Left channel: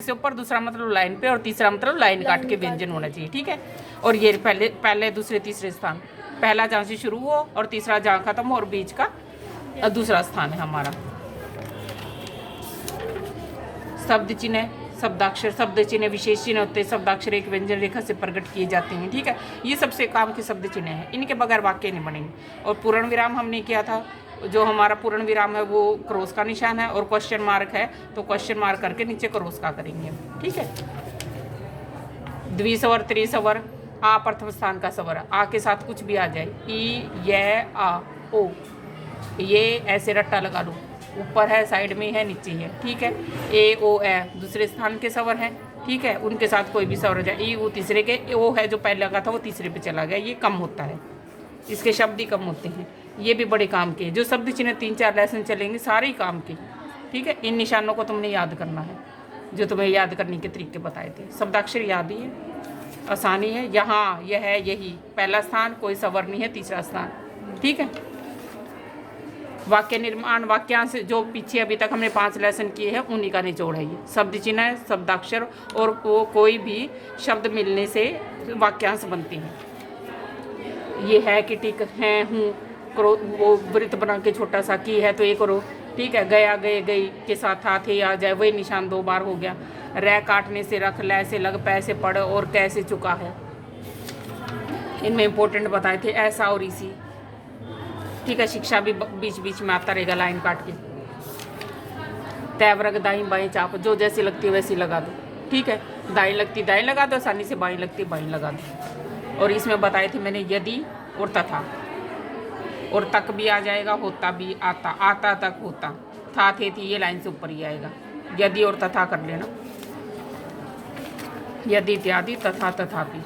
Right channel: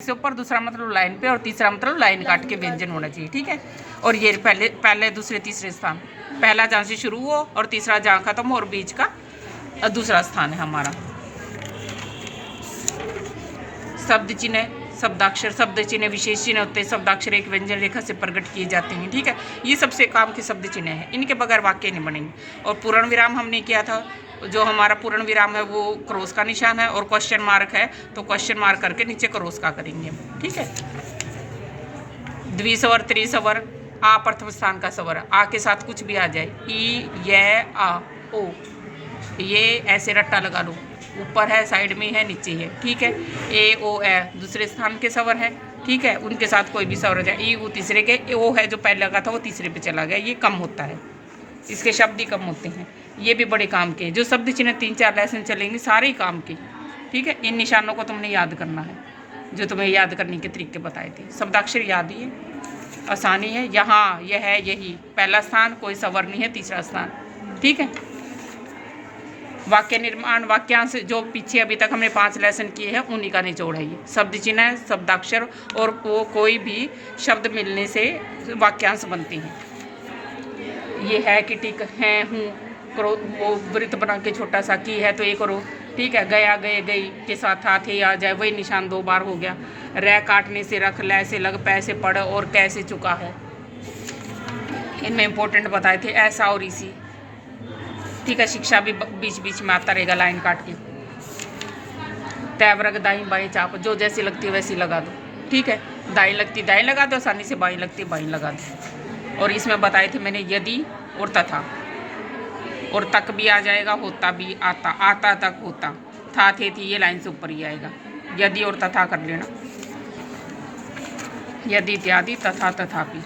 से ऊपर, दूसरा मतलब लाइन पे, और तीसरा मतलब लाइन काट के व्यंजन होना चाहिए। ठीक है। और ये पहले दूसरे तीसरे स्थान, पहला जहाँ से शुरू हो और तीसरा जहाँ खत्म हो, और बीच का दूसरा स्थान है हमारा। शब्द चिन्ह, शब्दाक्षर, शब्द चिन्ह विशेष चिन्ह होते हैं। शब्दाक्षर एक व्यंजन रेखा से प्रकट किए जाते हैं। ठीक है। ये सबसे काम के शब्द चिन्ह हैं, इनके बगैर वाक्य नहीं बनेंगे। और पूर्ण विराम हमने किया था, जो हमारा पूर्ण विराम है वो क्रॉस का निशान है, और क्वेश्चन मार्क है तो क्वेश्चन मार्क करके नीचे क्रॉस का करेंगे। ठीक है। द्विस्वर, त्रिस्वर, आ प्रथम स्थान का स्वर, आ के साथ कुछ भी आ जाए, ई, य, आ, ओ, ये ऐसे रट्टा लगा लो, ऊपर है, साइड में है, नीचे है। ठीक है। ए, ओ, ए दूसरे स्थान के स्वर हैं। ठीक है। उनके साथ कोई भी स्वर हो जाए, ई, ऊ तीसरे के, ओ है जो पहले लगा था वो तीसरे पे चला गया, ये कम होता है, इसके शब्द ही कम होते हैं। ये भी बड़े काम के, जो शब्द चिन्ह 3-4 लेसन चलेंगे सारे ही काम के। ठीक है। इन निशानों को तुमने याद करना है, जो तुम्हें याद करने के तरीके बताए थे। शब्दाक्षर याद ही है, आसानी है। यहाँ, यह है, यही पहला स्थान, कोई स्वर नहीं है तीसरा स्थान। ठीक है। वाक्य निर्माण, वाक्यांश जो पीछे अभी तक हमने 5 लेसन किए हैं उन्हीं का निचोड़ है ये। शब्द चिन्ह, शब्दाक्षर और वो कोई भी शब्द मिलने से वाक्यांश बनते हैं। ये है कि टिक, है, हूँ, करो, वो वृत्त बना के छोटा सा, की है तो ये करो। ठीक है। गया, गए, गई के साथ था, थे, आ जाए, वही निशान 2 बार हो गया। रह काटने से रख, लै से लग, पै से पढ़, और कैसे चुका है। इनमें इंपॉर्टेंट बताए थे, ऐसा और इसी। ठीक है। शिक्षा भी बीच बीच में आता रहेगा लाइन काट के। तैवरग, दाई बाएं चाप, जो जैसी लगती है वैसी लगा दो। ठीक है। दाई लगती दाई लगा दो, आसानी से बाई लगती बाई लगा दो। और इसमें बताए थे मैंने यदि और तथा, और तक भी आ जाएगा, होता भी, आता, आता तक, होता, था, थे, थी, ये लाइन से ऊपर ही आएगा। यदि और तथा कर लेना, यदि इत्यादि, तथा, तथापि,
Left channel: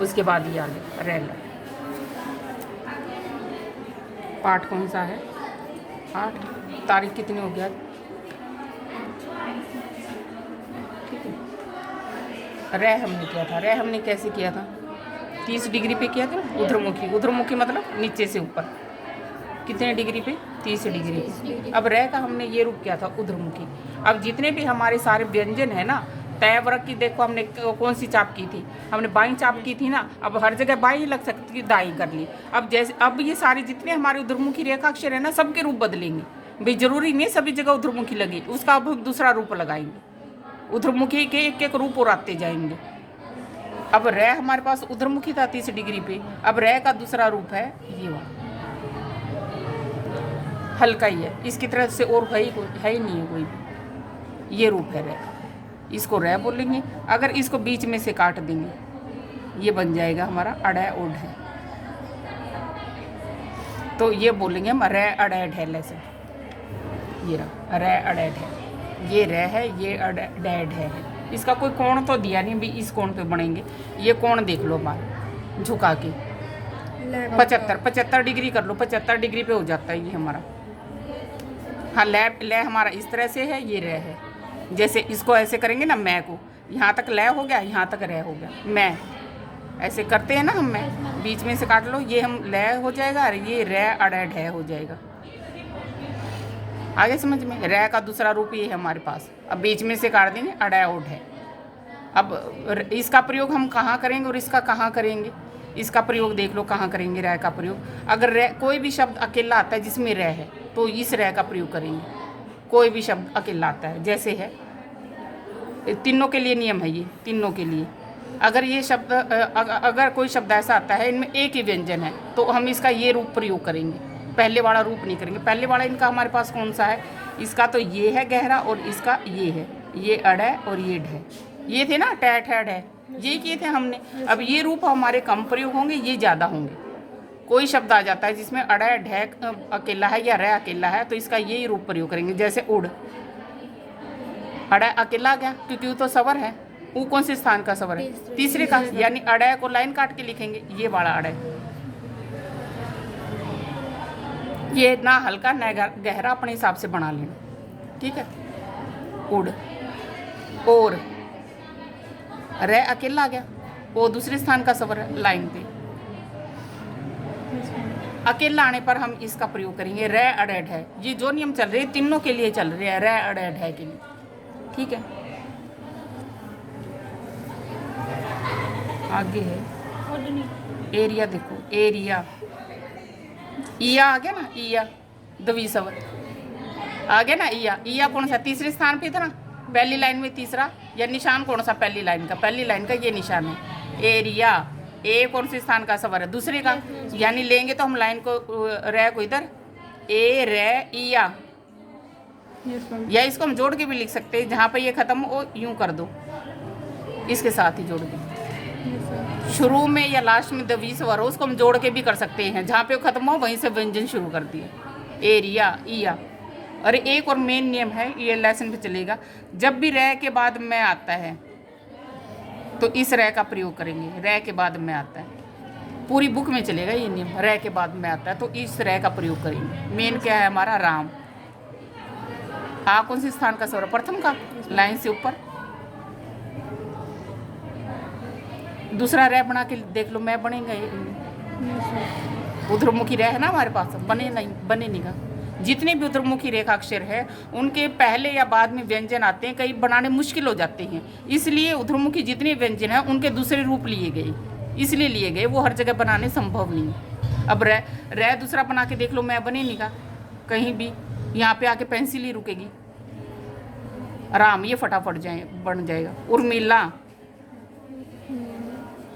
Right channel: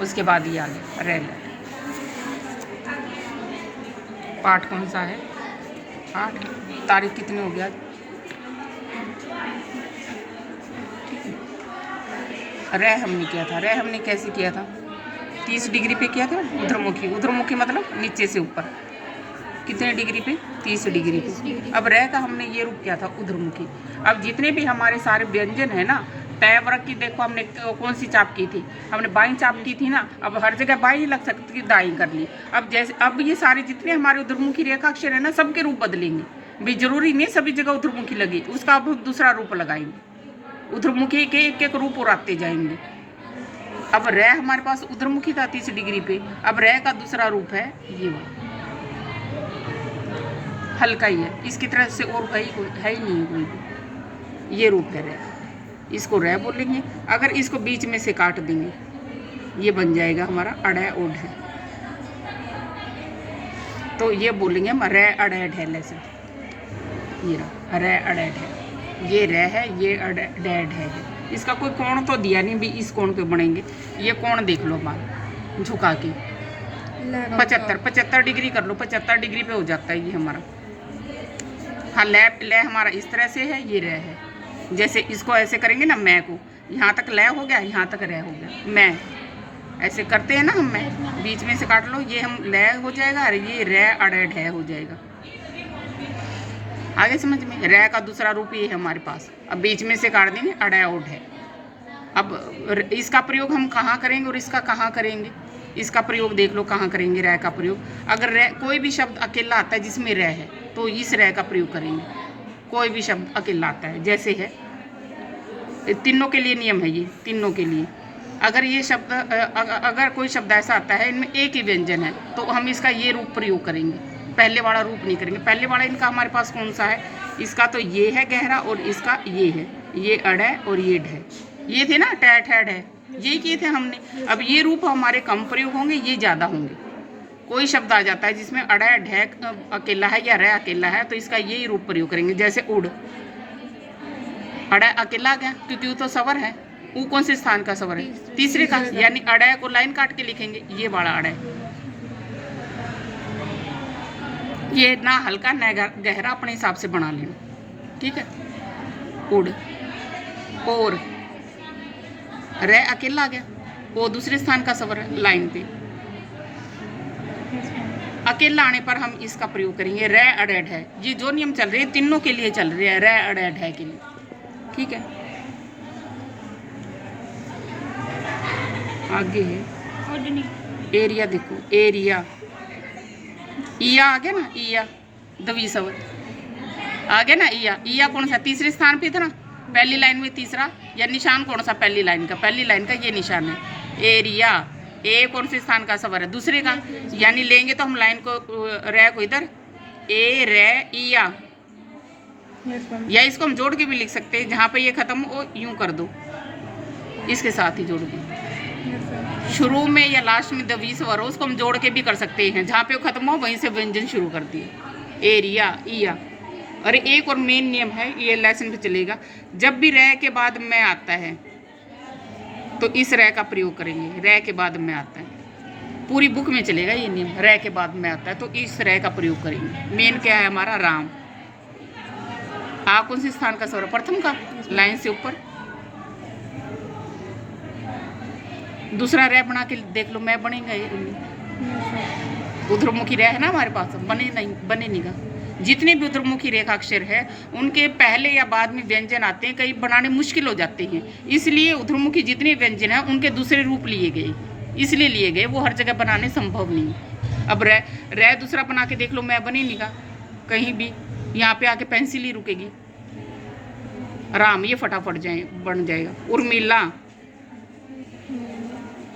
उसके बाद ये आ गया रेल। पाठ कौन सा है? पाठ तारीख कितनी हो गया? ठीक है। रह हमने किया था, रह हमने कैसे किया था? 30 डिग्री पे किया था, उधरमुखी। उधरमुखी मतलब नीचे से ऊपर। कितने डिग्री पे? 30 डिग्री पे। अब रह का हमने ये रूप किया था, उधरमुखी। अब जितने भी हमारे सारे व्यंजन है ना, तय वर्ग की देखो हमने कौन सी चाप की थी, हमने बाई चाप की थी ना। अब हर जगह बाई ही लग सकती थी, दाई कर ली। अब जैसे अब ये सारे जितने हमारे उधरमुखी रेखाक्षर है ना, सबके रूप बदलेंगे भाई। जरूरी नहीं सभी जगह उधरमुखी लगे, उसका अब दूसरा रूप लगाएंगे। उधरमुखी के एक एक रूप और आते जाएंगे। अब रह हमारे पास उधरमुखी था 30 डिग्री पे, अब रह का दूसरा रूप है ये, हल्का ही है, इसकी तरह से और है ही नहीं कोई भी। ये रूप है रह, इसको रह बोलेंगे। अगर इसको बीच में से काट देंगे, ये बन जाएगा हमारा अड़ै ओढ़ है, तो ये बोलेंगे हम रे अड़ै ढैल से। ये रहा रे अड़ै ढैल, ये रह है, ये अड़ै ढैल है। इसका कोई कोण तो दिया नहीं भी, इस कोण पे बनेंगे। ये कोण देख लो बात झुका के 75 डिग्री कर लो, 75 डिग्री पे हो जाता है ये हमारा। हाँ, ले हमारा इस तरह से है, ये रह है। जैसे इसको ऐसे करेंगे ना, मैं को यहाँ तक लय हो गया, यहाँ तक रह हो गया, मैं ऐसे करते हैं ना हम, मैं बीच में से काट लो, ये हम लय हो जाएगा और ये रह अड़ै ढह हो जाएगा। आगे समझ में? रह का दूसरा रूप ये है हमारे पास। अब बीच में से काट देंगे, अड़ै ओढ़ है। अब इसका प्रयोग हम कहाँ करेंगे और इसका कहाँ करेंगे? इसका प्रयोग देख लो कहाँ करेंगे रह का प्रयोग। अगर रह कोई भी शब्द अकेला आता है जिसमें रह है, तो इस रह का प्रयोग करेंगे। कोई भी शब्द अकेला आता है, जैसे है, तीनों के लिए नियम है ये, तीनों के लिए। अगर ये शब्द अगर कोई शब्द ऐसा आता है इनमें एक ही व्यंजन है, तो हम इसका ये रूप प्रयोग करेंगे, पहले वाला रूप नहीं करेंगे। पहले वाला इनका हमारे पास कौन सा है? इसका तो ये है गहरा, और इसका ये है, ये अड़ है और ये ढ है। ये थे ना टैट हैड है, ये किए थे हमने। अब ये रूप हमारे कम प्रयोग होंगे, ये ज़्यादा होंगे। कोई शब्द आ जाता है जिसमें अड़ ढ अकेला है या रह अकेला है, तो इसका यही रूप प्रयोग करेंगे। जैसे उड़, अड़ अकेला आ गया क्योंकि वो तो स्वर है। वो कौन से स्थान का स्वर है? तीसरे का, यानी अड़ को लाइन काट के लिखेंगे, ये वाला अड़। ये ना हल्का ना गहरा अपने हिसाब से बना लेना, ठीक है। उड़, और रह अकेला आ गया, वो दूसरे स्थान का स्वर है लाइन पे। अकेला आने पर हम इसका प्रयोग करेंगे रे अड़ेड है। ये जो नियम चल रहे हैं तीनों के लिए चल रहे हैं, रे अड़ेड है के लिए, ठीक है। आगे है एरिया, देखो एरिया, इया आ गया ना, इया दवी स्वर आ गया ना, इया कौन सा तीसरे स्थान पे था ना, पहली लाइन में तीसरा, या निशान कौन सा पहली लाइन का, पहली लाइन का ये निशान है एरिया। ए कौन से स्थान का स्वर है, दूसरे का, यानी लेंगे तो हम लाइन को रे को इधर ए रे इया, या इसको हम जोड़ के भी लिख सकते हैं, जहाँ पे ये खत्म हो यूं कर दो, इसके साथ ही जोड़ के, शुरू में या लास्ट में दवी स्वर हो उसको हम जोड़ के भी कर सकते हैं, जहाँ पे वो खत्म हो वहीं से व्यंजन शुरू कर दिए एरिया इया। और एक और मेन नियम है, ये लेसन पे चलेगा, जब भी रे के बाद में आता है तो इस रे का प्रयोग करेंगे, रे के बाद में आता है, पूरी बुक में चलेगा ये नियम, रे के बाद में आता है तो इस रे का प्रयोग करेंगे। मेन क्या है हमारा, राम। आ कौन से स्थान का स्वर, प्रथम का, लाइन से ऊपर। दूसरा रे बना के देख लो, मैं बनेगा उधरमुखी रे है ना हमारे पास, बने नहीं का। जितने भी उधरमुखी रेखाक्षर है उनके पहले या बाद में व्यंजन आते हैं, कई बनाने मुश्किल हो जाते हैं, इसलिए उधरमुखी जितने व्यंजन हैं उनके दूसरे रूप लिए गए, इसलिए लिए गए, वो हर जगह बनाने संभव नहीं। अब रे दूसरा बना के देख लो, मैं बने नहीं का कहीं भी, यहाँ पे आके पेंसिल ही रुकेगी, राम ये फटाफट बन जाएगा। उर्मिला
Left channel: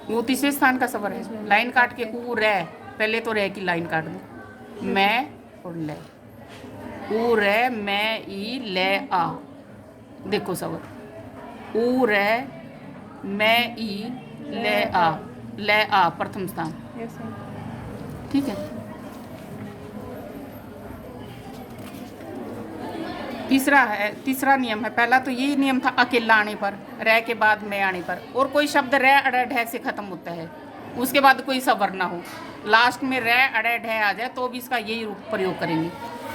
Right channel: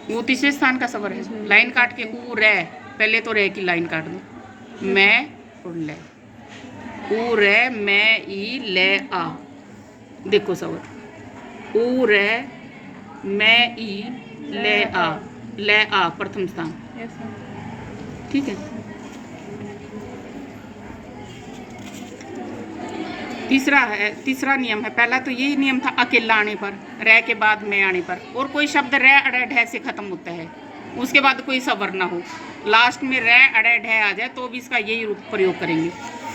वो तीसरे स्थान का स्वर है, लाइन काट के ऊ रे, पहले तो रे की लाइन काट दो, मैं और ले, ऊ रे मैं ई ले आ, देखो स्वर ऊ रे मैं ई ले आ प्रथम स्थान, ठीक है। तीसरा नियम है, पहला तो यही नियम था अकेला आने पर, रे के बाद में आने पर, और कोई शब्द रे अड़े ढे से खत्म होता है, उसके बाद कोई स्वर ना हो, लास्ट में रे अड़े ढे आ जाए तो भी इसका यही रूप प्रयोग करेंगे।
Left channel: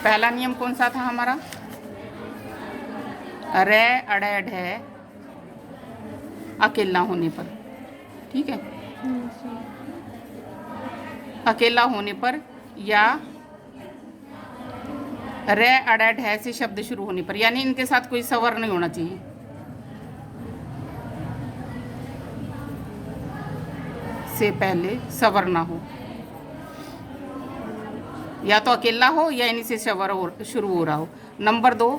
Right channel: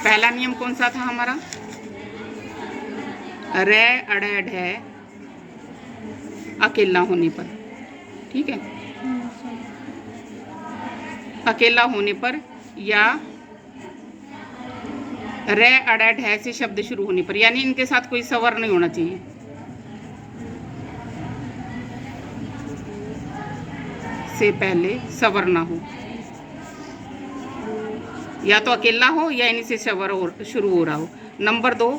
पहला नियम कौन सा था हमारा, रे अड़े ढे अकेला होने पर, ठीक है, अकेला होने पर, या रे अड़े ढे से शब्द शुरू होने पर, यानी इनके साथ कोई स्वर नहीं होना चाहिए, से पहले स्वर ना हो, या तो अकेला हो या इन्हीं से स्वर शुरू हो रहा हो। नंबर 2,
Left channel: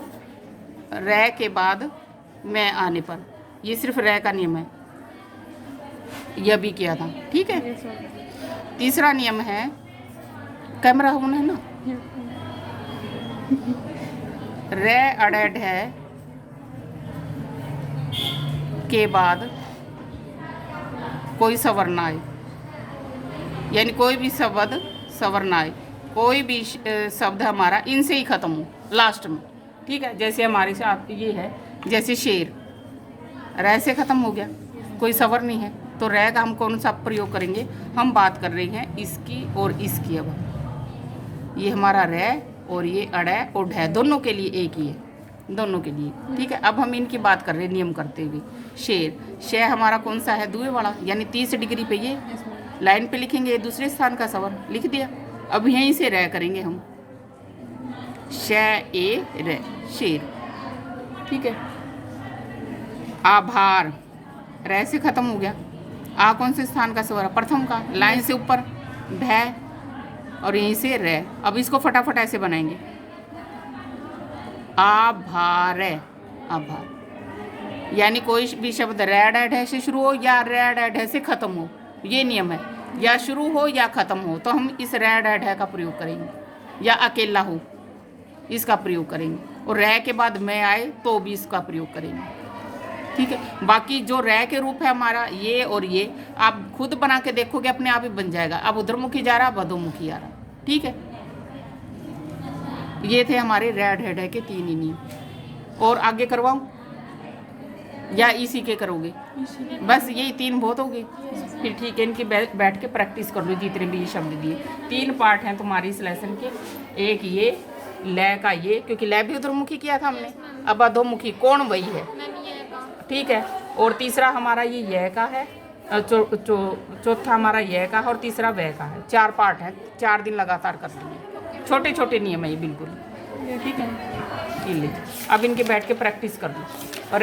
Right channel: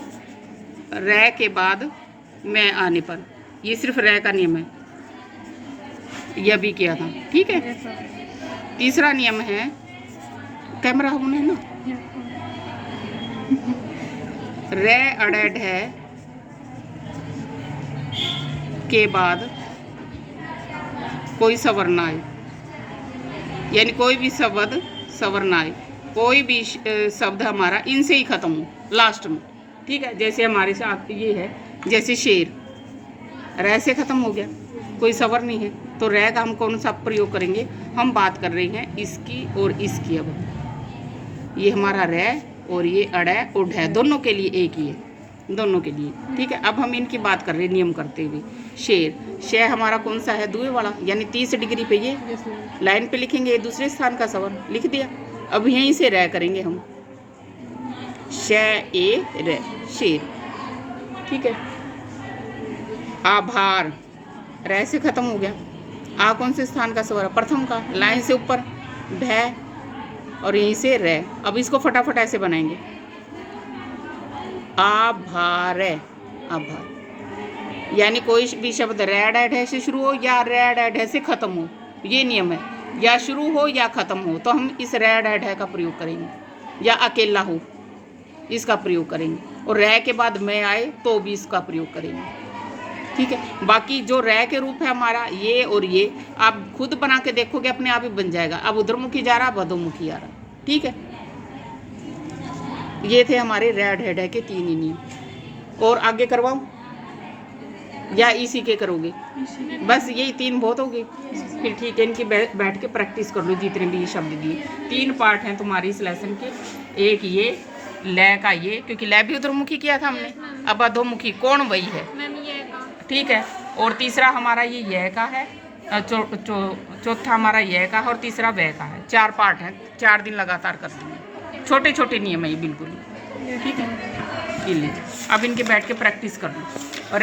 रे के बाद मैं आने पर, ये सिर्फ रे का नियम है, यह भी किया था, ठीक है। तीसरा नियम है, कैमरा होना है ना, रे अड़े ढे के बाद कोई स्वर ना आए, यानी कोई भी शब्द स्वर ना आए, कोई भी शब्द हमारा इनसे ही खत्म हो लास्ट में, ठीक है। जैसे हमारे साथ ये है, जैसे शेर, रे से खत्म हो गया, कोई स्वर नहीं है, तो रे का हम कौन सा प्रयोग करेंगे, हम बात कर रहे हैं इसकी और इसकी। अब ये हमारा रे और ये अड़े और ढे दोनों के लिए एक ही है, दोनों के लिए, ठीक है। अब हम इनकी बात कर रहे हैं नियम करते हुए। शेर हमारा कौन सा है, दुए वाला, यानी 30 डिग्री पे, ये लाइन पे लिखेंगे, दूसरे स्थान का स्वर लिख दिया। अब यहीं से रे करेंगे हम, ए रे, शेर, ठीक है। आभार, रे से खत्म हो गया, आ कौन से स्थान का स्वर, प्रथम का, लाइन से ऊपर भै और यहीं से रे। अब इसको फटाफट ऐसे बनाएंगे, आभार, आभार, यानी कोई भी शब्द रे ढे से शुरू हो या रे ढे से खत्म हो, ये नियम है, या शुरू हो या खत्म हो तो हम इस रे ढे का प्रयोग करेंगे, या अकेला हो इसका प्रयोग करेंगे, और रे के बाद मैं आए तो भी इसका प्रयोग करेंगे, ठीक है। बाकी जो रे के रूप है हमारा ये और ये, आप खुद बना के देखोगे अपने आप ही बन जाएगा। अब उधरमुखी जा रहा, अब अधोमुखी आ रहा, ठीक है। ये थे हमारे रे ढे के 3 ही नियम। और आगे करवाऊं या इसी के करोगे, बस यही 3 बहुत हो गए, फिर ठीक है। इनकी बैठ के प्रैक्टिस कर लो, जितने भी ये शब्द दिए। 3 पार्ट हैं तुम्हारी इस लेसन के, एक ये लय का, ये क्योंकि लय भी उधरमुखी किया था हमने, अब अधोमुखी कोण वही है, ठीक है। और तीसरा हमारा ये का है, चौथा हमारा ये का है, और तीसरा वह का है। 4 पार्ट है, 4 दिन लगातार कर देंगे, छोटे छोटे नियम है ये बिल्कुल, ठीक है। ये लीजिए, अब इनके बैठ के प्रैक्टिस कर लो। और